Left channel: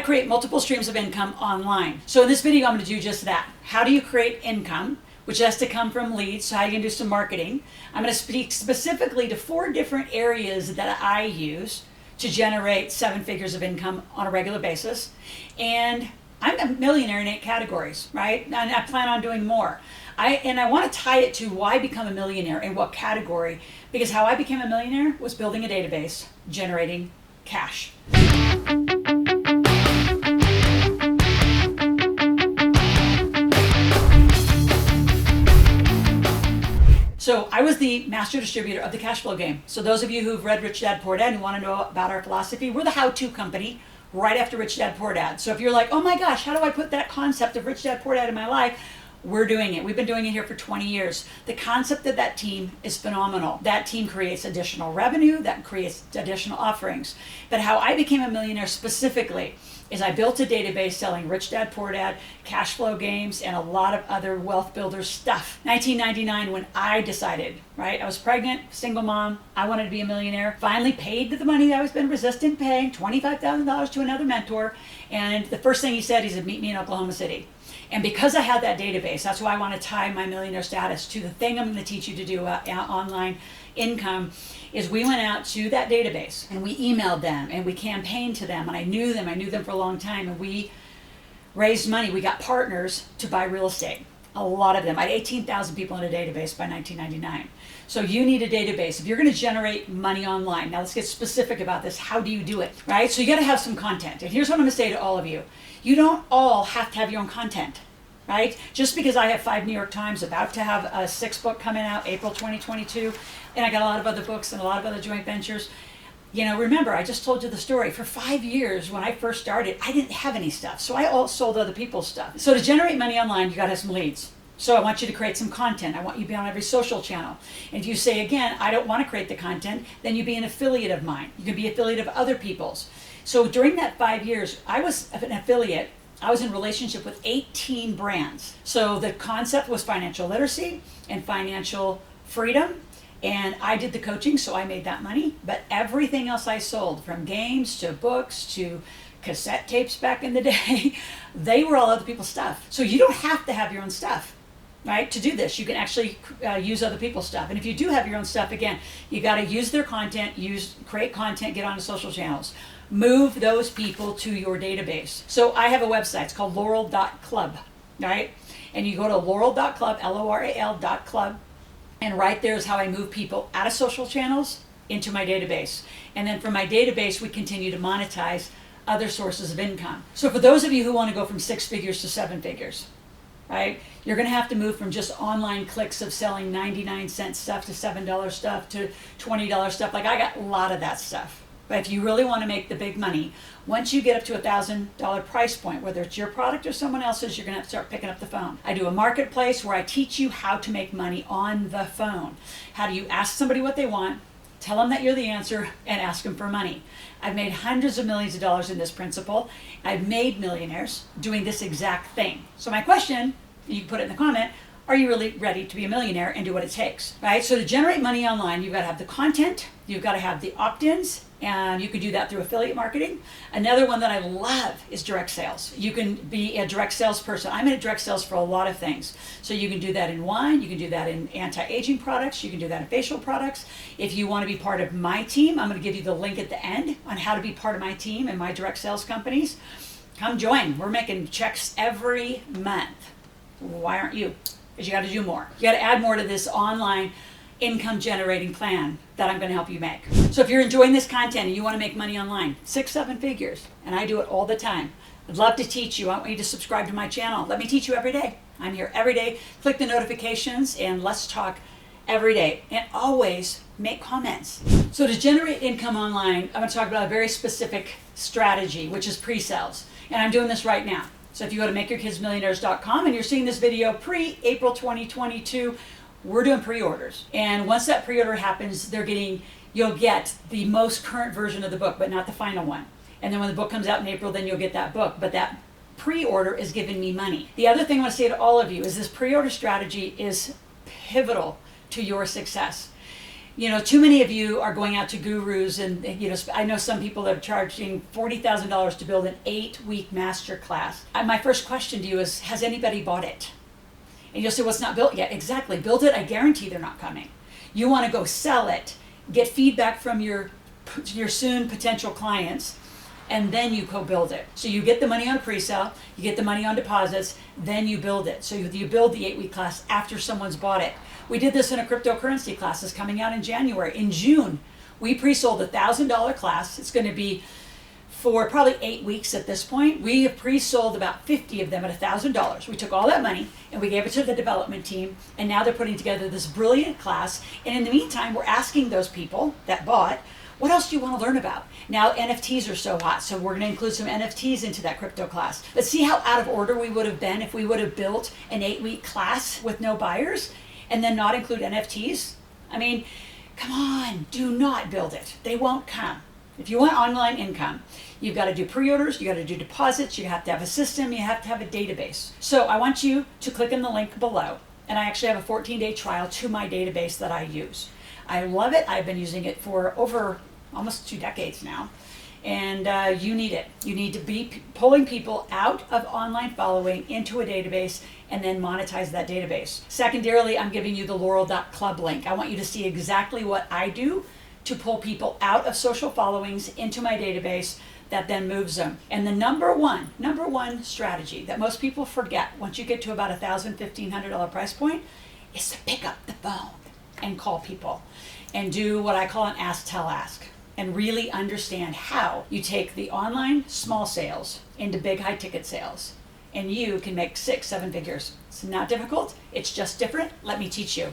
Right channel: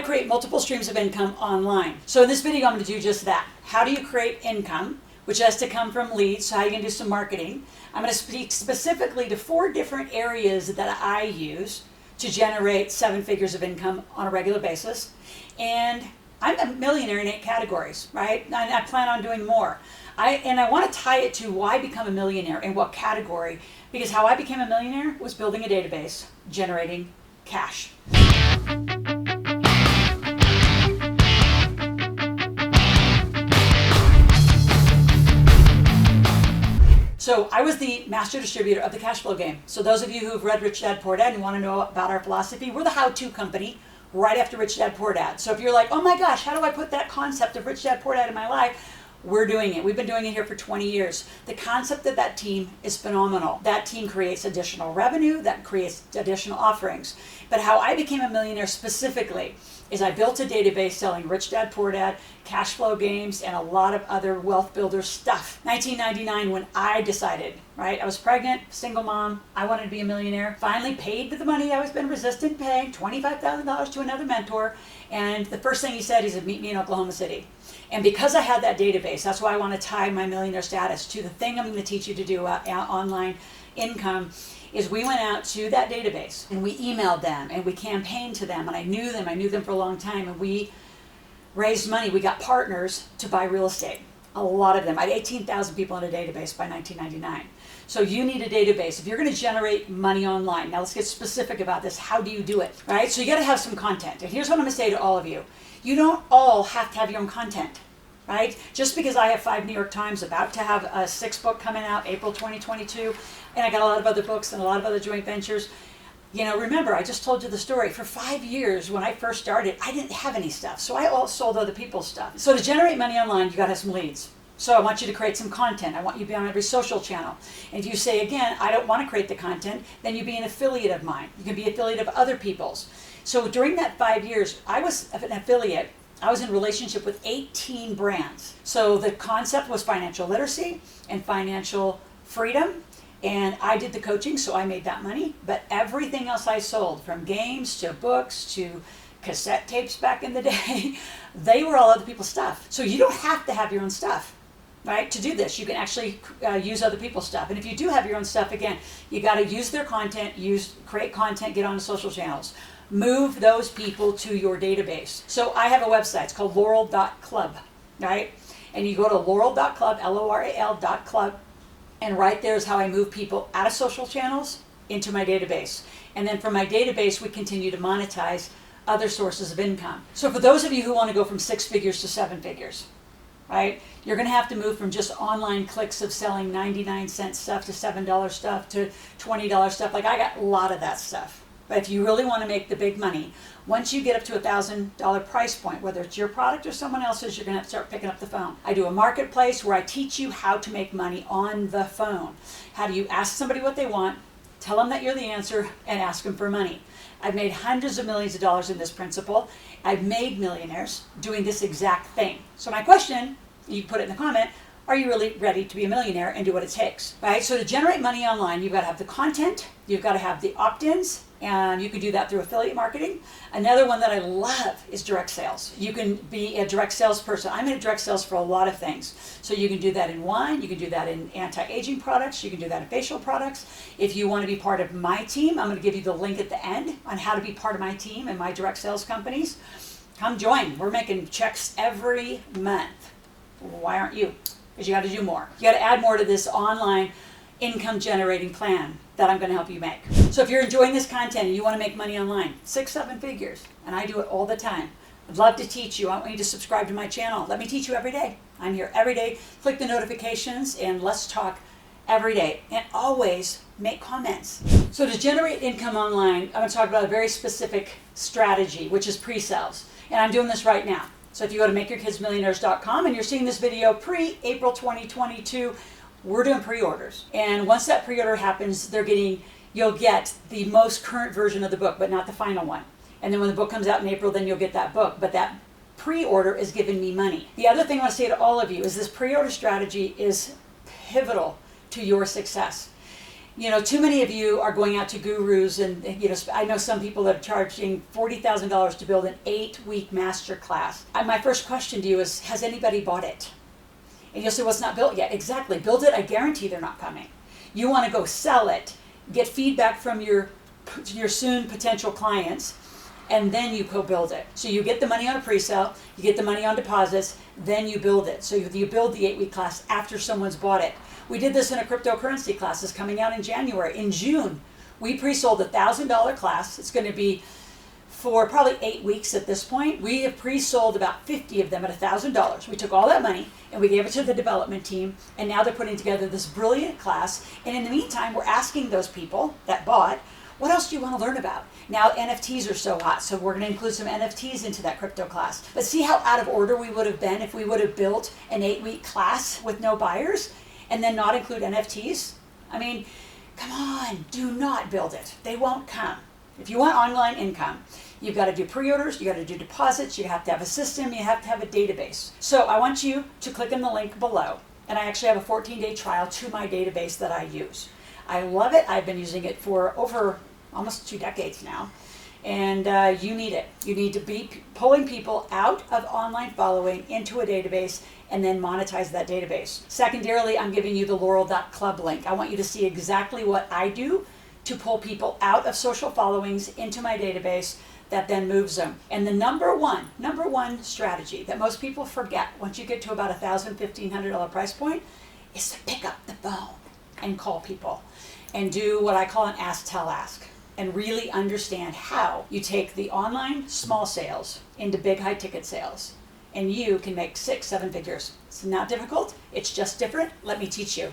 to create multiple streams of income online. So in this video, I'm going to do just that. How do you create income, which has to come from leads, so how you can do some marketing. I'm going to speak specifically to 4 different areas that I use to generate 7 figures of income on a regular basis. And I'm a millionaire in 8 categories, right? And I plan on doing more. I want to tie it to why become a millionaire in what category, because how I became a millionaire was building a database, generating cash. So I was the master distributor of the cash flow game. So those of you who've read Rich Dad Poor Dad and want to know about our philosophy, we're the how-to company right after Rich Dad Poor Dad. So if you're like, oh my gosh, how do I put that concept of Rich Dad Poor Dad in my life? We're doing it. We've been doing it here for 20 years. The concept of that team is phenomenal. That team creates additional revenue, that creates additional offerings. But how I became a millionaire specifically is I built a database selling Rich Dad Poor Dad, cash flow games, and a lot of other wealth builder stuff. 1999, when I decided, right? I was pregnant, single mom, I wanted to be a millionaire. Finally paid the money that I was been resistant paying, $25,000 to another mentor. And the first thing he said, meet me in Oklahoma City. And because I had that database, that's why I want to tie my millionaire status to the thing I'm going to teach you to do online income, is we went out to that database and we emailed them and we campaigned to them, and I knew them for a long time, and we raised money. We got partners to buy real estate, a lot of them. I had 18,000 people in a database by 1999. So you need a database if you're going to generate money online. Now let's get specific about this. How do you do it, right? So you got to have some content. And here's what I'm going to say to all of you. You don't all have to have your own content, right? Just because I have 5 New York Times, about to have a 6th book coming out, April 2022, and I got a lot of other books and a lot of other joint ventures. You know, remember, I just told you the story. For 5 years, when I first started, I didn't have any stuff. So I all sold other people's stuff. So to generate money online, you got to have some leads. So I want you to create some content. I want you to be on every social channel. And if you say, again, I don't want to create the content, then you be an affiliate of mine. You can be an affiliate of other people's. So during that 5 years, I was an affiliate. I was in relationship with 18 brands. So the concept was financial literacy and financial freedom. And I did the coaching, so I made that money. But everything else I sold, from games to books to cassette tapes back in the day, they were all other people's stuff. So you don't have to have your own stuff, right? To do this, you can actually use other people's stuff. And if you do have your own stuff, again, you got to use their content, create content, get on the social channels. Move those people to your database. So I have a website. It's called Loral.club, right? And you go to Loral.club, Loral.club, and right there is how I move people out of social channels into my database. And then from my database, we continue to monetize other sources of income. So for those of you who want to go from 6 figures to 7 figures, right? You're going to have to move from just online clicks of selling 99-cent stuff to $7 stuff to $20 stuff. Like, I got a lot of that stuff. But if you really want to make the big money, once you get up to $1,000 price point, whether it's your product or someone else's, you're going to have to start picking up the phone. I do a marketplace where I teach you how to make money on the phone. How do you ask somebody what they want, tell them that you're the answer, and ask them for money. I've made hundreds of millions of dollars in this principle. I've made millionaires doing this exact thing. So my question, you can put it in the comment, are you really ready to be a millionaire and do what it takes, right? So to generate money online, you've got to have the content, you've got to have the opt-ins, and you can do that through affiliate marketing. Another one that I love is direct sales. You can be a direct salesperson. I'm in direct sales for a lot of things. So you can do that in wine, you can do that in anti-aging products, you can do that in facial products. If you want to be part of my team, I'm going to give you the link at the end on how to be part of my team and my direct sales companies. Come join. We're making checks every month. Why aren't you? Because you got to do more. You got to add more to this online income generating plan that I'm going to help you make. So if you're enjoying this content and you want to make money online, 6, 7 figures, and I do it all the time, I'd love to teach you. I want you to subscribe to my channel. Let me teach you every day. I'm here every day. Click the notifications and let's talk every day. And always make comments. So to generate income online, I'm going to talk about a very specific strategy, which is pre-sales. And I'm doing this right now. So if you go to makeyourkidsmillionaires.com and you're seeing this video pre-April 2022, we're doing pre-orders. And once that pre-order happens, you'll get the most current version of the book, but not the final one. And then when the book comes out in April, then you'll get that book. But that pre-order is giving me money. The other thing I want to say to all of you is this pre-order strategy is pivotal to your success. Too many of you are going out to gurus, and I know some people that are charging $40,000 to build an 8-week master class. My first question to you is, has anybody bought it? And you'll say, well, it's not built yet. Exactly. Build it. I guarantee they're not coming. You want to go sell it, get feedback from your soon potential clients, and then you co-build it. So you get the money on a pre-sale, you get the money on deposits, then you build it. So you build the 8-week class after someone's bought it. We did this in a cryptocurrency class that's coming out in January. In June, we pre-sold a $1,000 class. It's going to be for probably 8 weeks at this point. We have pre-sold about 50 of them at $1,000. We took all that money and we gave it to the development team, and now they're putting together this brilliant class. And in the meantime, we're asking those people that bought, what else do you want to learn about? Now NFTs are so hot, so we're going to include some NFTs into that crypto class. But see how out of order we would have been if we would have built an 8-week class with no buyers and then not include NFTs? I mean, come on, do not build it. They won't come. If you want online income, you've got to do pre-orders, you got to do deposits, you have to have a system, you have to have a database. So I want you to click on the link below, and I actually have a 14-day trial to my database that I use. I love it. I've been using it for over almost 2 decades now. And you need it. You need to be pulling people out of online following into a database and then monetize that database. Secondarily, I'm giving you the Loral.club link. I want you to see exactly what I do to pull people out of social followings into my database that then moves them. And the number one strategy that most people forget once you get to about $1,000, $1,500 price point is to pick up the phone and call people and do what I call an ask, tell, ask, and really understand how you take the online small sales into big high ticket sales, and you can make 6, 7 figures. It's not difficult, it's just different. Let me teach you.